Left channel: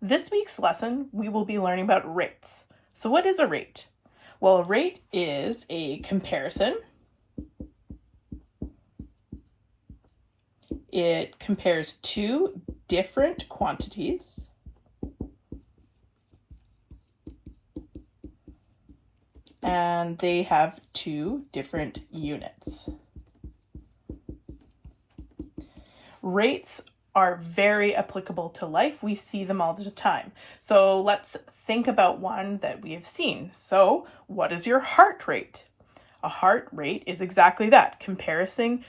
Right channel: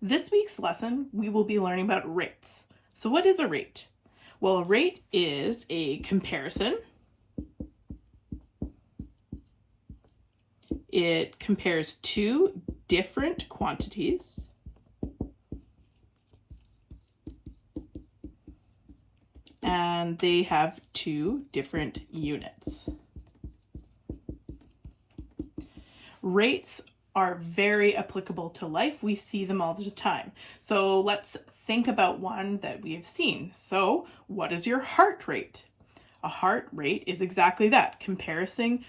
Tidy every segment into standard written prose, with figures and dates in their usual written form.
This week's lesson, we will be learning about rates. So what is a rate? Well, a rate is a comparison. It compares two different quantities. And they have two different units. Rates are very applicable to life. We see them all the time. So let's think about one that we have seen. So what is your heart rate? A heart rate is exactly that, comparing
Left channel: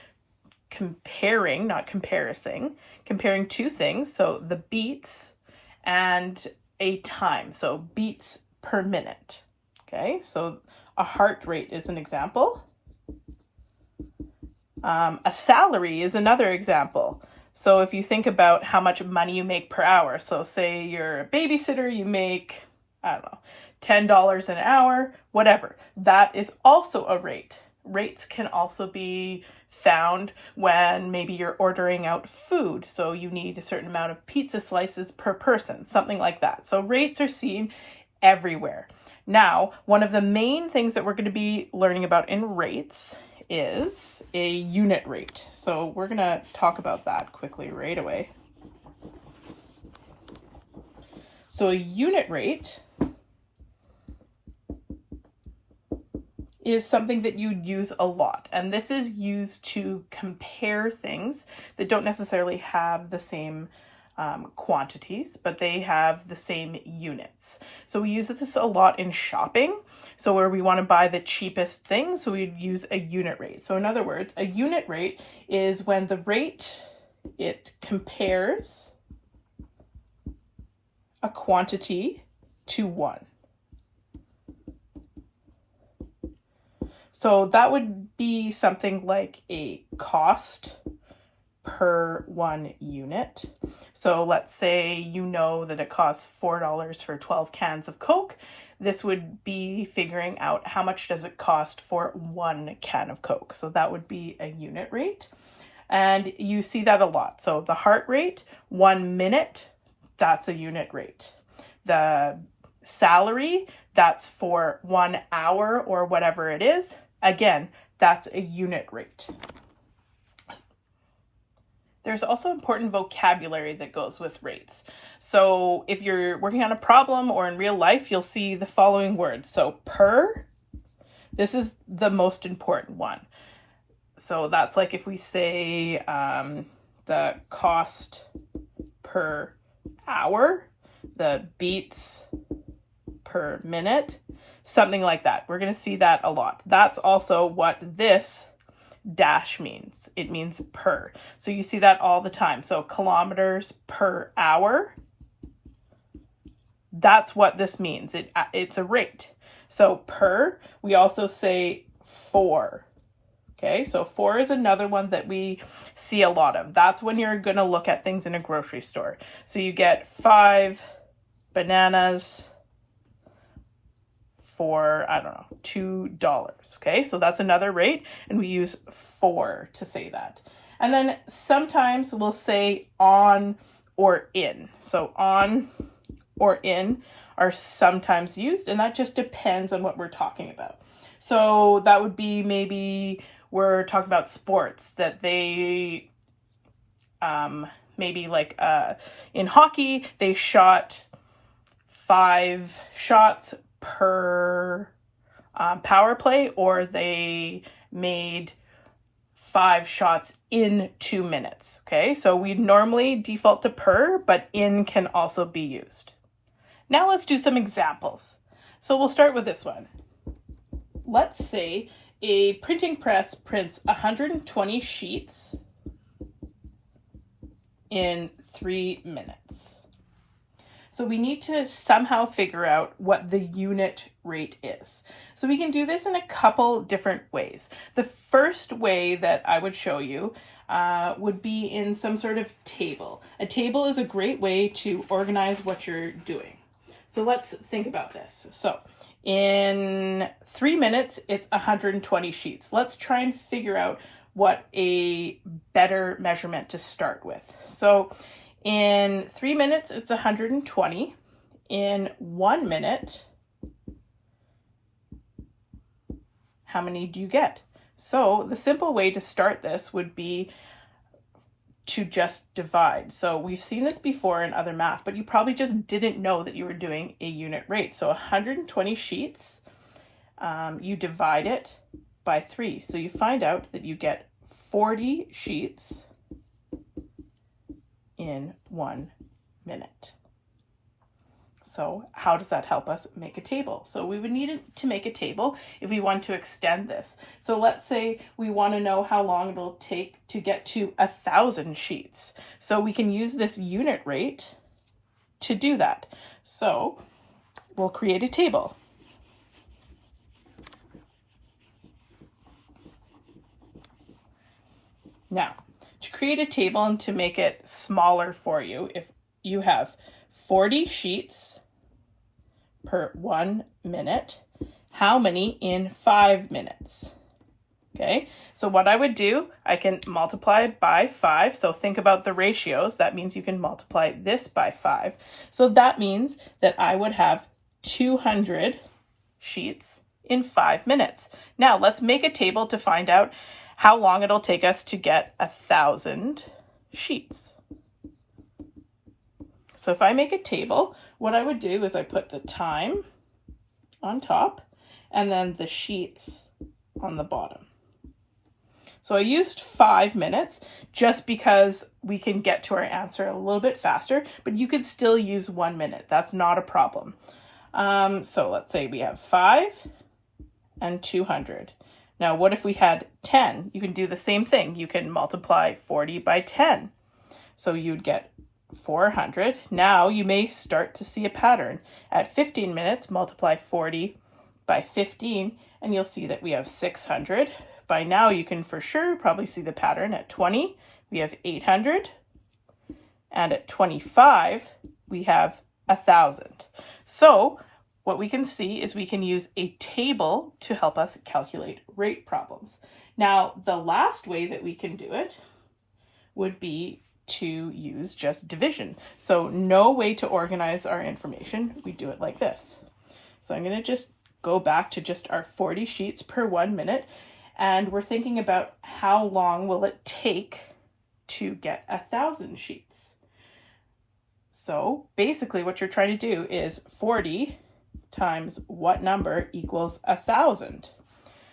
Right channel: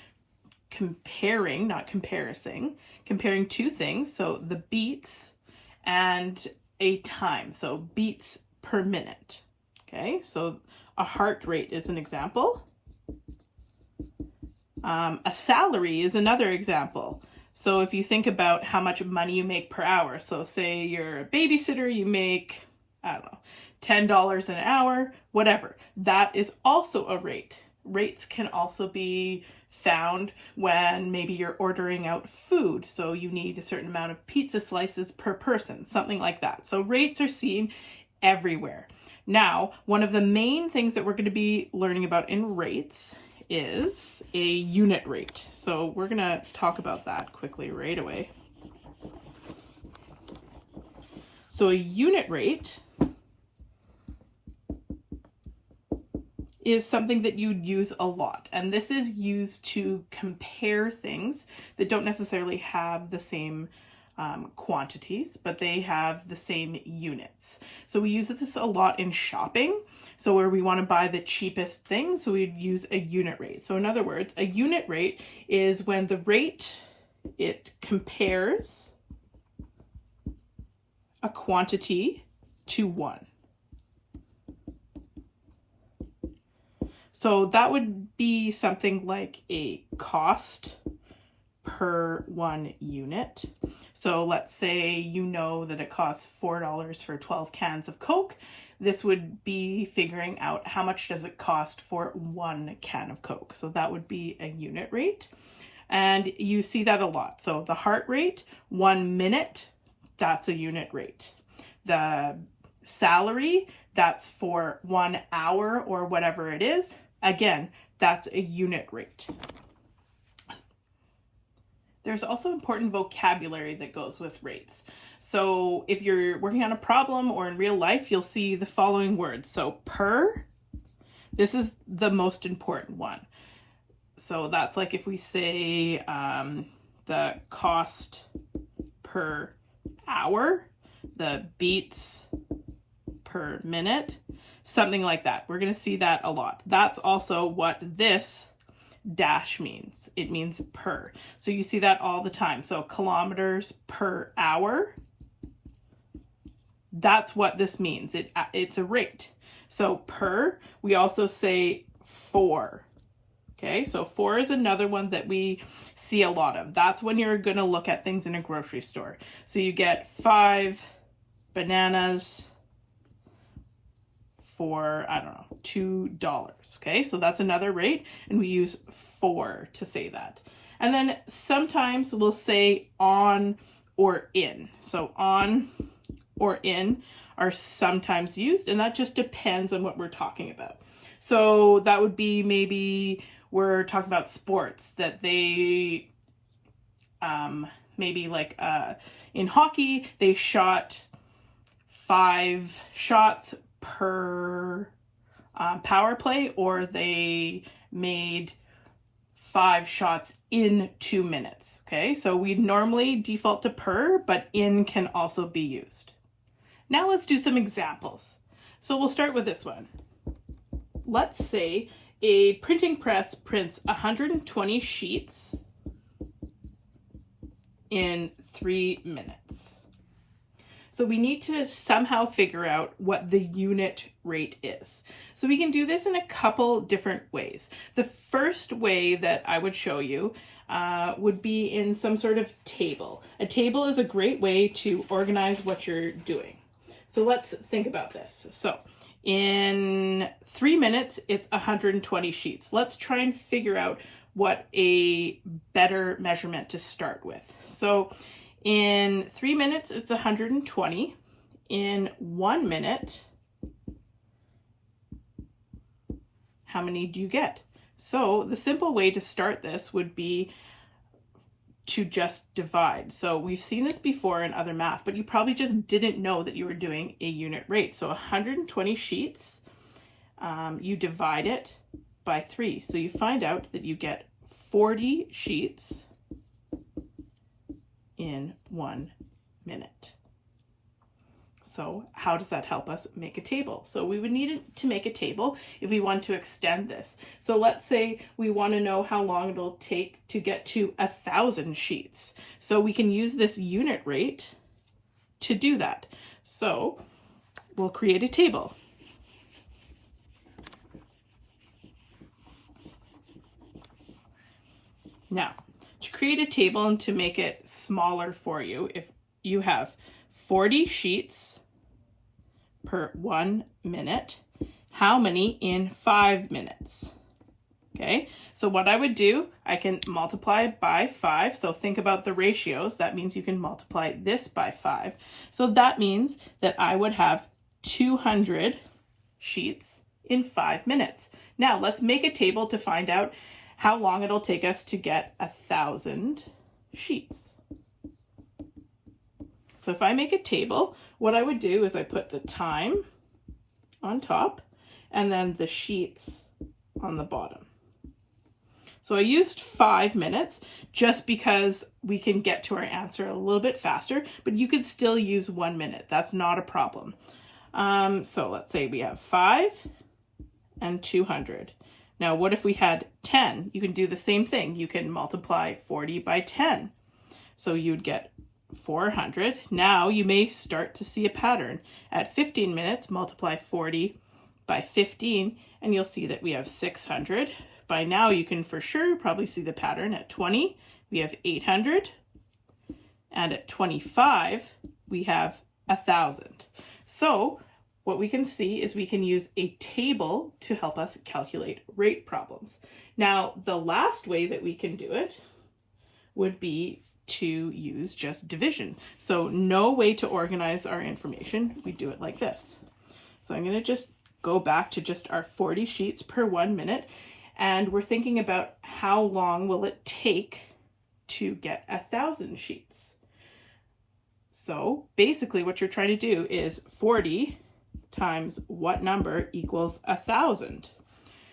two things. So the beats and a time. So beats per minute. Okay, so a heart rate is an example. A salary is another example. So if you think about how much money you make per hour, so say you're a babysitter, you make, I don't know, $10 an hour, whatever. That is also a rate. Rates can also be found when maybe you're ordering out food. So you need a certain amount of pizza slices per person, something like that. So rates are seen everywhere. Now, one of the main things that we're going to be learning about in rates is a unit rate. So we're going to talk about that quickly right away. So a unit rate is something that you'd use a lot. And this is used to compare things that don't necessarily have the same quantities, but they have the same units. So we use this a lot in shopping. So where we want to buy the cheapest thing, so we'd use a unit rate. So in other words, a unit rate is when the rate, it compares a quantity to one. So that would be something like a cost per one unit. So let's say you know that it costs $4 for 12 cans of Coke. This would be figuring out how much does it cost for one can of Coke. So that would be a unit rate. And you see that a lot. So the heart rate, 1 minute, that's a unit rate. The salary, that's for 1 hour or whatever it is. Again, that's a unit rate. There's also important vocabulary that goes with rates. So if you're working on a problem or in real life, you'll see the following words. So per, this is the most important one. So that's like if we say the cost per hour, the beats per minute, something like that. We're going to see that a lot. That's also what this dash means. It means per. So you see that all the time. So kilometers per hour. That's what this means. It's a rate. So per, we also say for. Okay, so for is another one that we see a lot of. That's when you're going to look at things in a grocery store. So you get 5 bananas for, I don't know, $2. Okay, so that's another rate, and we use for to say that. And then sometimes we'll say on or in. So on or in are sometimes used, and that just depends on what we're talking about. So that would be maybe we're talking about sports that they, maybe like in hockey, they shot 5 shots per power play, or they made 5 shots in 2 minutes. Okay, so we normally default to per, but in can also be used. Now let's do some examples. So we'll start with this one. Let's say a printing press prints 120 sheets in 3 minutes. So we need to somehow figure out what the unit rate is. So we can do this in a couple different ways. The first way that I would show you would be in some sort of table. A table is a great way to organize what you're doing. So let's think about this. So in 3 minutes, it's 120 sheets. Let's try and figure out what a better measurement to start with. So In 3 minutes, it's 120. In 1 minute, how many do you get? So the simple way to start this would be to just divide. So we've seen this before in other math, but you probably just didn't know that you were doing a unit rate. So 120 sheets, you divide it by 3. So you find out that you get 40 sheets in 1 minute. So how does that help us make a table? So we would need to make a table if we want to extend this. So let's say we want to know how long it'll take to get to 1,000 sheets. So we can use this unit rate to do that. So we'll create a table. Now, to create a table and to make it smaller for you, if you have 40 sheets per 1 minute, how many in 5 minutes? Okay, so what I would do, I can multiply by 5. So think about the ratios. That means you can multiply this by 5. So that means that I would have 200 sheets in 5 minutes. Now let's make a table to find out how long it'll take us to get 1,000 sheets. So if I make a table, what I would do is I put the time on top and then the sheets on the bottom. So I used 5 minutes just because we can get to our answer a little bit faster, but you could still use 1 minute. That's not a problem. So let's say we have 5 and 200. Now, what if we had 10? You can do the same thing. You can multiply 40 by 10. So you'd get 400. Now you may start to see a pattern. At 15 minutes, multiply 40 by 15, and you'll see that we have 600. By now, you can for sure probably see the pattern. At 20, we have 800. And at 25, we have 1,000. So what we can see is we can use a table to help us calculate rate problems. Now, the last way that we can do it would be to use just division. So no way to organize our information. We do it like this. So I'm going to just go back to just our 40 sheets per 1 minute. And we're thinking about how long will it take to get 1,000 sheets. So basically what you're trying to do is 40 times what number equals 1,000.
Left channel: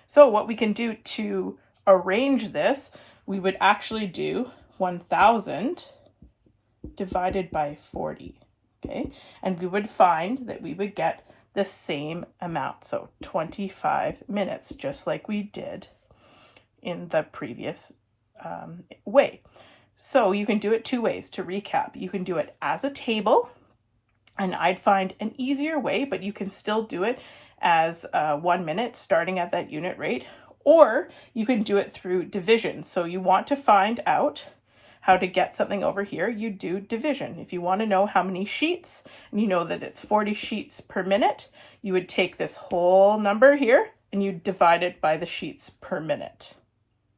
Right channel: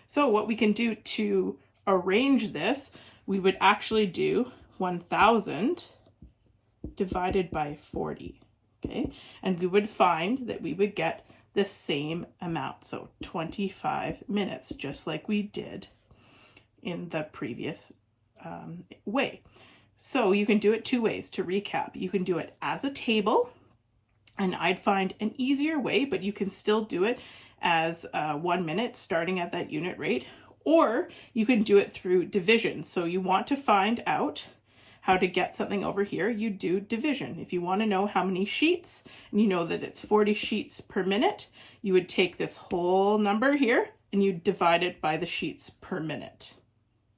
So what we can do to arrange this, we would actually do 1,000 divided by 40, okay? And we would find that we would get the same amount, so 25 minutes, just like we did in the previous way. So you can do it 2 ways. To recap, you can do it as a table, and I'd find an easier way, but you can still do it as 1 minute starting at that unit rate, or you can do it through division. So you want to find out how to get something over here, you do division. If you want to know how many sheets, and you know that it's 40 sheets per minute, you would take this whole number here and you divide it by the sheets per minute.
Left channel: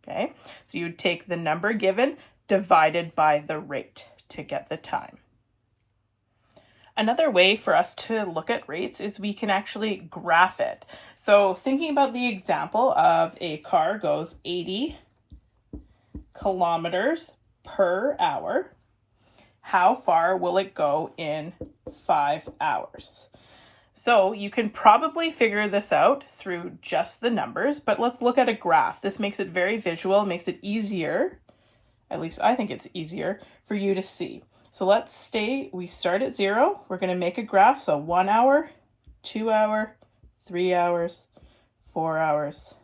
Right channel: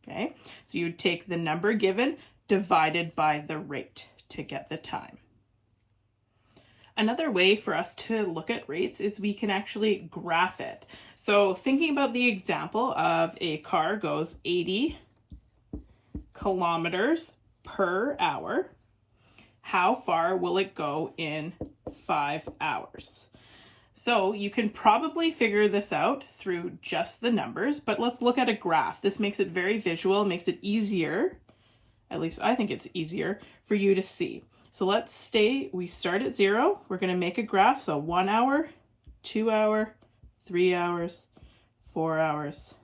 Okay, so you would take the number given divided by the rate to get the time. Another way for us to look at rates is we can actually graph it. So thinking about the example of a car goes 80 kilometers per hour, how far will it go in 5 hours? So you can probably figure this out through just the numbers, but let's look at a graph. This makes it very visual, makes it easier, at least I think it's easier, for you to see. So let's say we start at 0. We're going to make a graph. So 1 hour, 2 hour, 3 hours, 4 hours,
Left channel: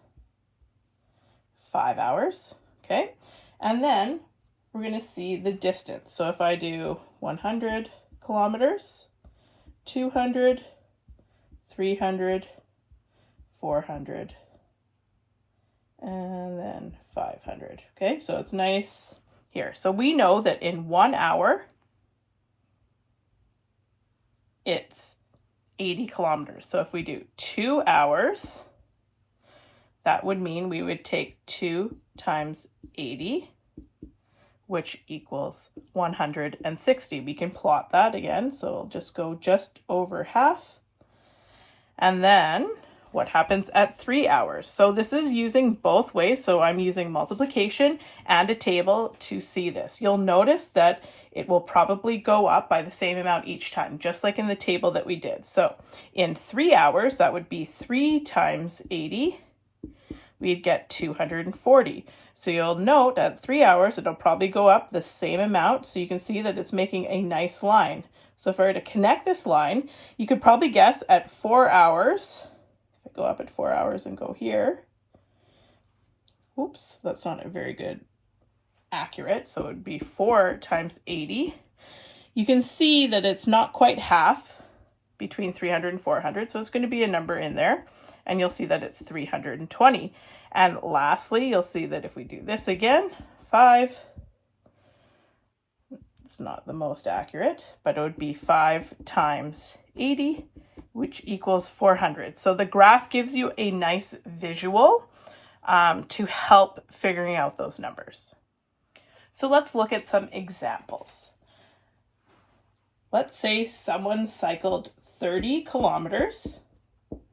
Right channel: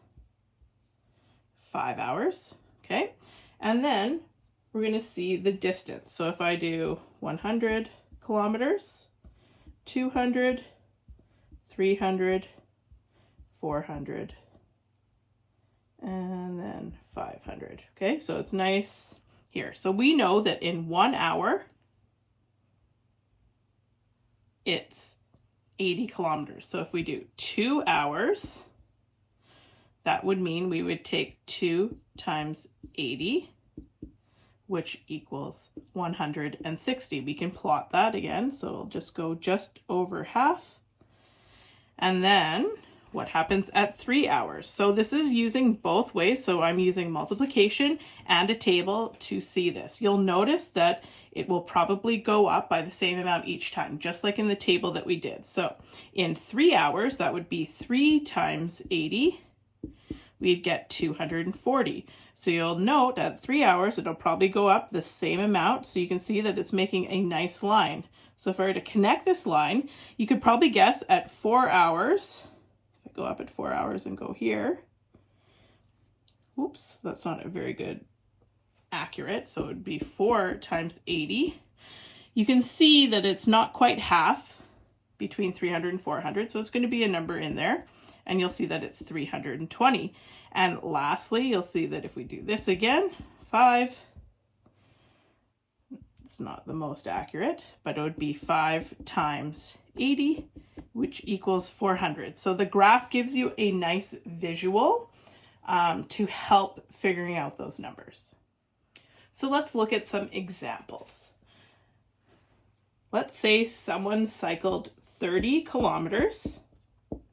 5 hours. Okay. And then we're going to see the distance. So if I do 100 kilometers, 200, 300, 400, and then 500. Okay. So it's nice here. So we know that in 1 hour, it's 80 kilometers. So if we do 2 hours, that would mean we would take 2 times 80, which equals 160. We can plot that again, so it'll just go just over half. And then what happens at 3 hours? So this is using both ways. So I'm using multiplication and a table to see this. You'll notice that it will probably go up by the same amount each time, just like in the table that we did. So in 3 hours, that would be 3 times 80. We'd get 240. So you'll note at 3 hours, it'll probably go up the same amount. So you can see that it's making a nice line. So if I were to connect this line, you could probably guess at 4 hours, if I go up at 4 hours and go here, oops, that's not a very good accurate. So it would be 4 times 80. You can see that it's not quite half between 300 and 400. So it's going to be a number in there. And you'll see that it's 320. And lastly, you'll see that if we do this again, 5, it's not the most accurate, but it would be 5 times 80, which equals 400. So the graph gives you a nice visual to help figuring out those numbers. So let's look at some examples. Let's say someone cycled 30 kilometers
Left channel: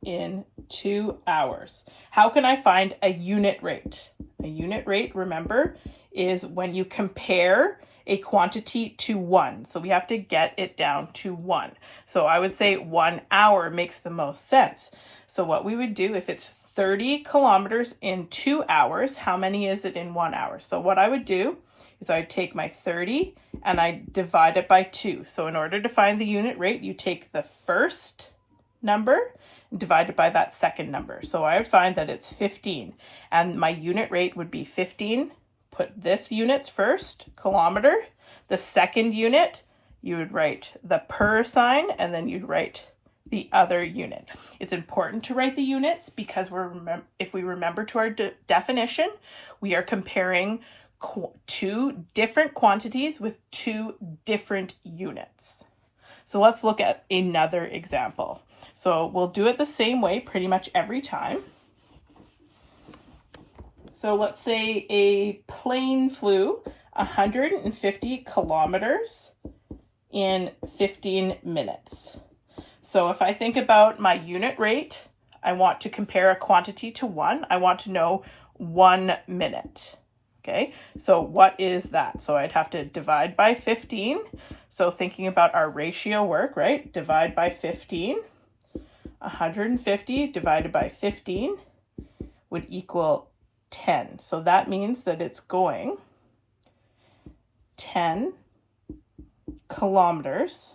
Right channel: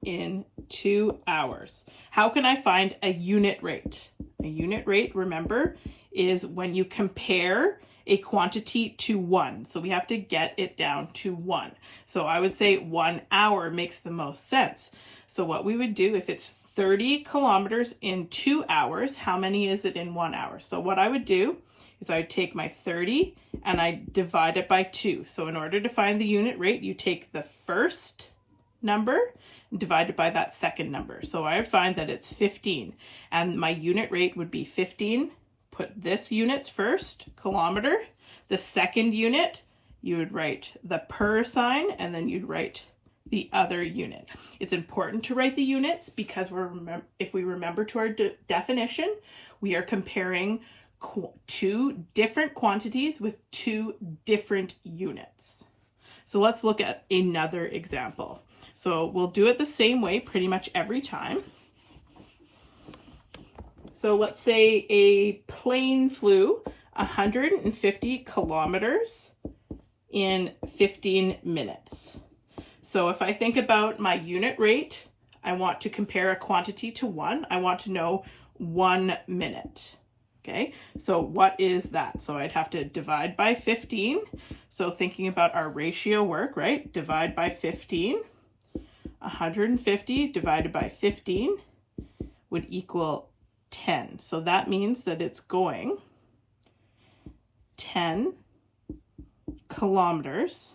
in 2 hours. How can I find a unit rate? A unit rate, remember, is when you compare a quantity to 1. So we have to get it down to 1. So I would say 1 hour makes the most sense. So what we would do, if it's 30 kilometers in 2 hours, how many is it in 1 hour? So what I would do is I would take my 30 and I divide it by 2. So in order to find the unit rate, you take the first number and divide it by that second number. So I would find that it's 15, and my unit rate would be 15. Put this units first, kilometer. The second unit, you would write the per sign, and then you'd write the other unit. It's important to write the units because if we remember to our definition, we are comparing two different quantities with two different units. So let's look at another example. So we'll do it the same way pretty much every time. So let's say a plane flew 150 kilometers in 15 minutes. So if I think about my unit rate, I want to compare a quantity to 1. I want to know 1 minute. Okay, so what is that? So I'd have to divide by 15. So thinking about our ratio work, right? Divide by 15. 150 divided by 15 would equal 10. So that means that it's going 10 kilometers,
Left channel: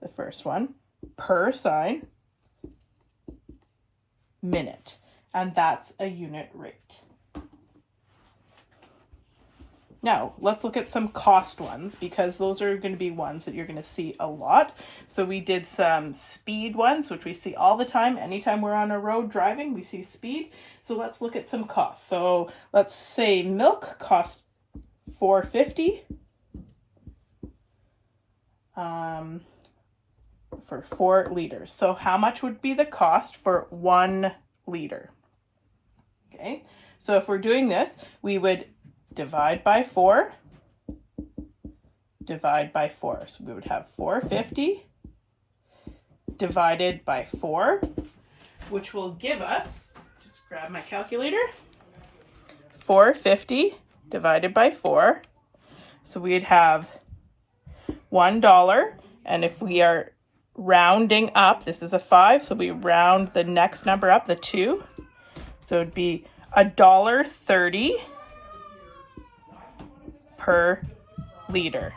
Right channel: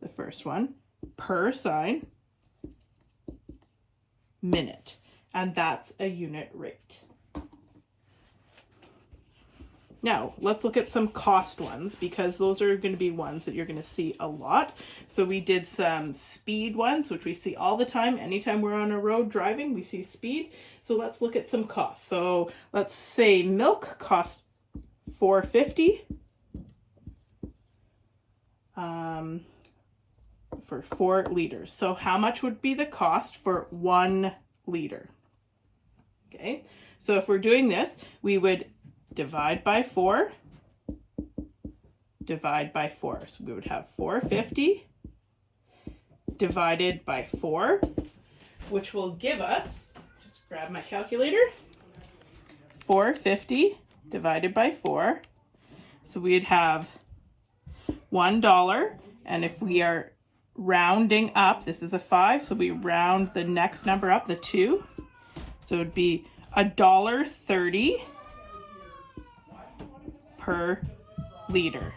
the first one, per sign, minute. And that's a unit rate. Now, let's look at some cost ones because those are going to be ones that you're going to see a lot. So we did some speed ones, which we see all the time. Anytime we're on a road driving, we see speed. So let's look at some costs. So let's say milk costs $4.50 for 4 liters. So how much would be the cost for 1 liter? Okay, so if we're doing this, we would divide by 4, divide by 4. So we would have 450 divided by 4, which will give us, just grab my calculator, 450 divided by 4. So we'd have $1. And if we are rounding up, this is a 5, so we round the next number up, the 2. So it'd be $1.30 per liter.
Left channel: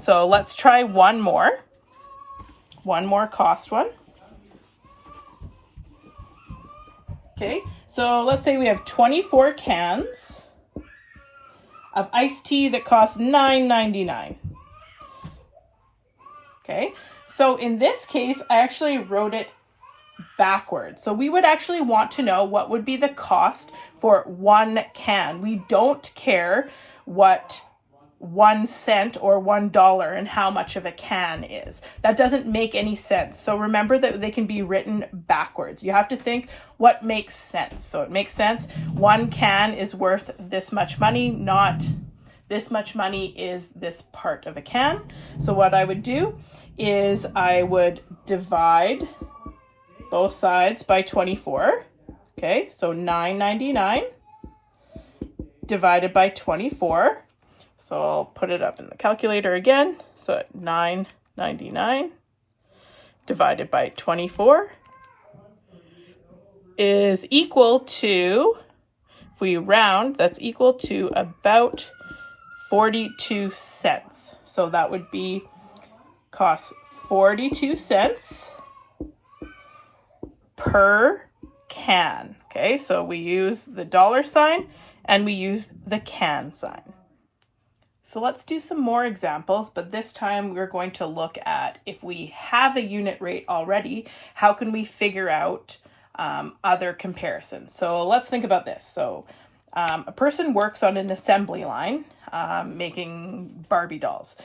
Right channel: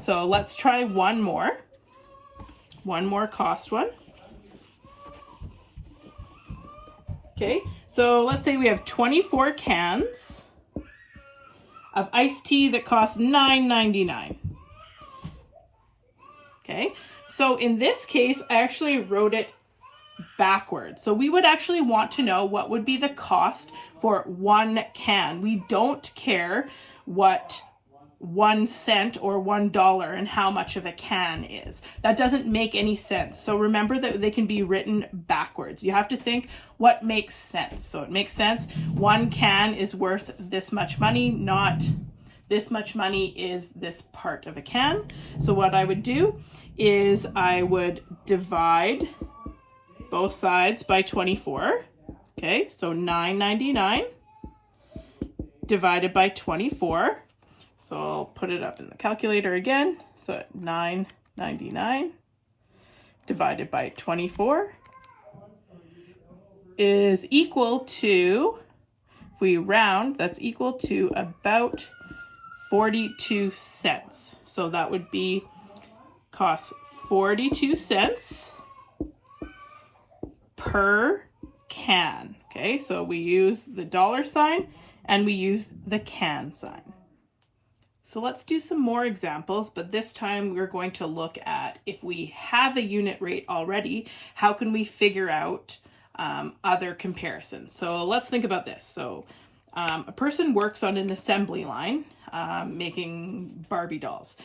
So let's try one more cost one. Okay, so let's say we have 24 cans of iced tea that cost $9.99. Okay, so in this case, I actually wrote it backwards. So we would actually want to know what would be the cost for 1 can. We don't care what 1 cent or $1 and how much of a can is. That doesn't make any sense. So remember that they can be written backwards. You have to think what makes sense. So it makes sense. 1 can is worth this much money, not this much money is this part of a can. So what I would do is I would divide both sides by 24. Okay, so $9.99 divided by 24. So I'll put it up in the calculator again. So $9.99 divided by 24 is equal to, if we round, that's equal to about 42 cents. So that would be cost 42 cents per can. Okay, so we use the dollar sign and we use the can sign. So let's do some more examples, but this time we're going to look at, if we have a unit rate already, how can we figure out other comparisons? So let's think about this. So a person works on an assembly line making Barbie dolls.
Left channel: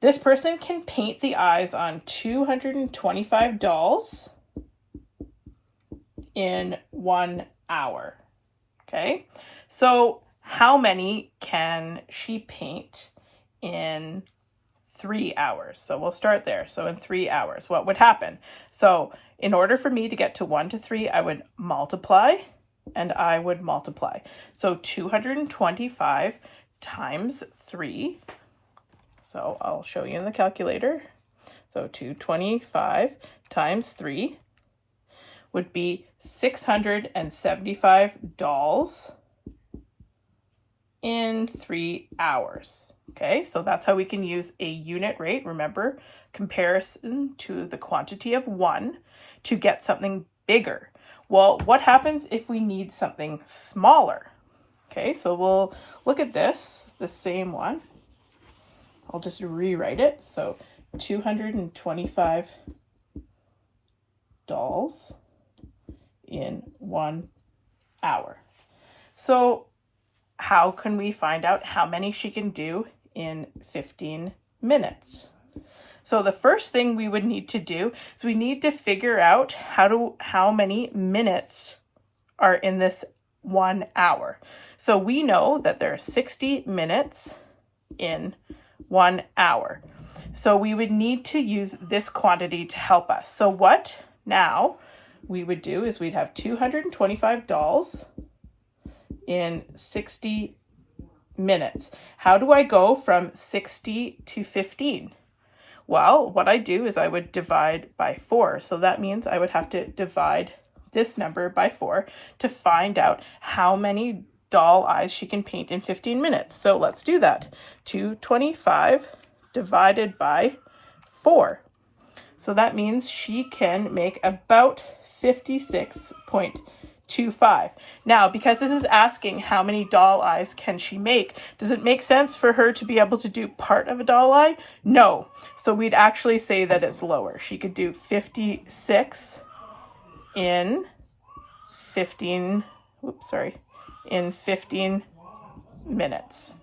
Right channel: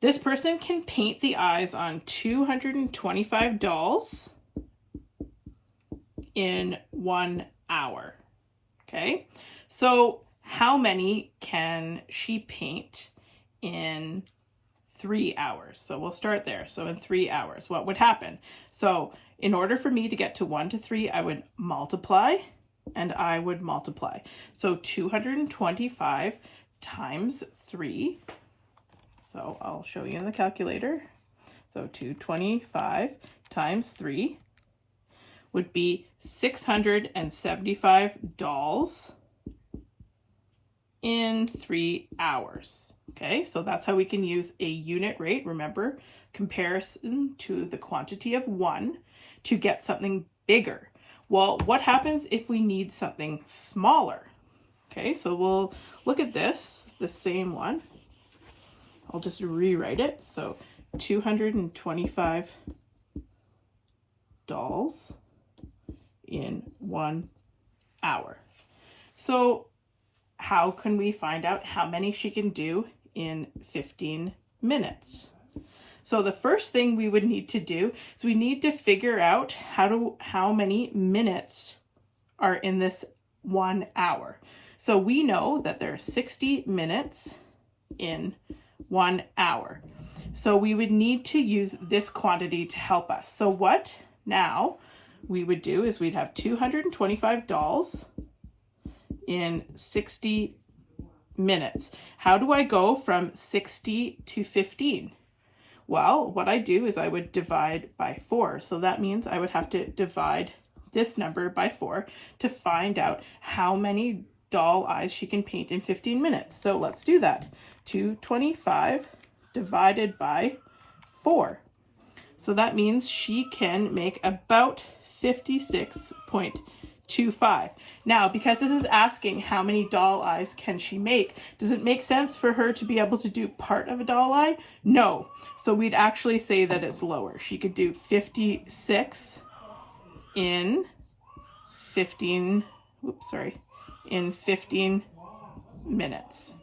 This person can paint the eyes on 225 dolls in 1 hour. Okay, so how many can she paint in 3 hours? So we'll start there. So in 3 hours, what would happen? So in order for me to get to 1 to 3, I would multiply and I would multiply. So 225 times 3. So I'll show you in the calculator. So 225 times 3 would be 675 dolls in 3 hours. Okay, so that's how we can use a unit rate. Remember, comparison to the quantity of 1 to get something bigger. Well, what happens if we need something smaller? Okay, so we'll look at this, the same one. I'll just rewrite it. So 225 dolls in 1 hour. So how can we find out how many she can do in 15 minutes? So the first thing we would need to do is we need to figure out how many minutes are in this 1 hour. So we know that there are 60 minutes in 1 hour. So we would need to use this quantity to help us. So what now we would do is we'd have 225 dolls in 60 minutes. How do I go from 60 to 15? Well, what I do is I would divide by 4. So that means I would have to divide this number by 4 to find out how many doll eyes she can paint in 15 minutes. So let's do that. 225 divided by 4. So that means she can make about 56.25. Now, because this is asking how many doll eyes can she make, does it make sense for her to be able to do part of a doll eye? No. So we'd actually say that it's lower. She could do 56 in 15 minutes.